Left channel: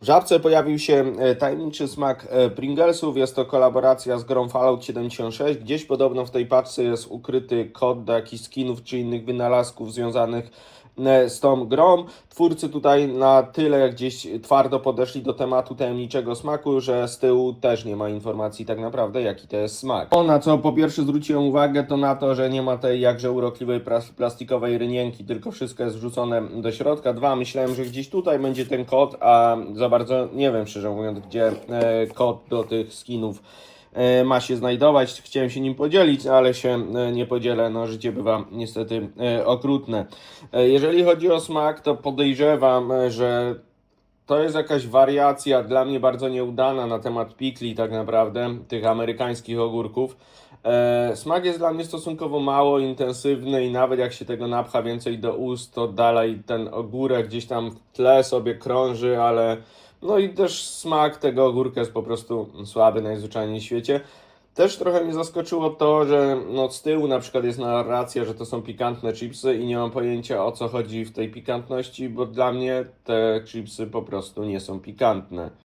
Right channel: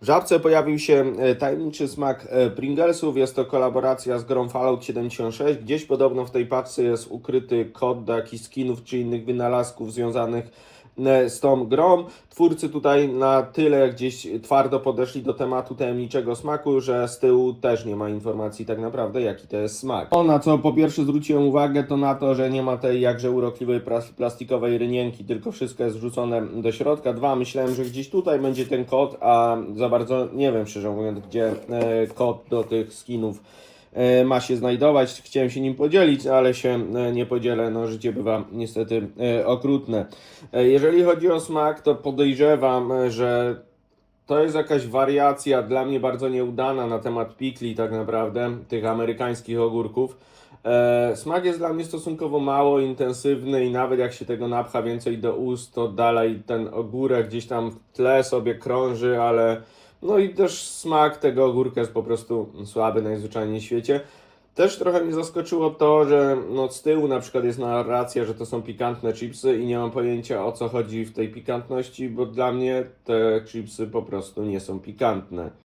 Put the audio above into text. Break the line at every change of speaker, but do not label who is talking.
W żabce pojawił się e, tajemniczy smak e, Pringlesów. Jest to kolaboracja z grą Fallout 76. Gdzieś podobno w tej paczce jest ukryty kod do jakichś skinów czy innych wynalazków związanych z tą grą. Twórcy tutaj na tyle gdzieś twardo podeszli do tematu tajemniczego smaku, że z tyłu też nie ma informacji tak naprawdę jaki to jest smak. O, na co po pierwsze zwróciłem uwagę to na to, że nie ma tej jakże urokliwej plas- plastikowej rynienki, tylko wszystko jest wrzucone do środka. Dwa, myślałem, że gdzieś tutaj będzie ten kod, a za bardzo nie wiem szczerze mówiąc, gdzie e, kod do tych skinów e, ma się znajdować. Chciałem się nim podzielić, ale się e, nie podzielę. No, życie bywa niestety e, okrutne. E, Jeżeli chodzi o smak, to podejrzewam, e, że to jest jakaś wariacja dla mnie bardzo nieudana na temat pikli, tak naprawdę, tych amerykańskich ogórków. E, smak jest dla mnie stosunkowo mało intensywny i nawet jak się tego napcha więcej do ust, to dalej ten ogórek gdzieś tam w tle sobie krąży, ale no i też smak tego ogórka jest po prostu słaby najzwyczajniej w świecie. Też trochę mnie zaskoczyło to, że no z tyłu na przykład jest narracja, że to są pikantne chipsy i nie mam pojęcia o co chodzi w tej pikantności, bo dla mnie te chipsy po prostu nie są pikantne.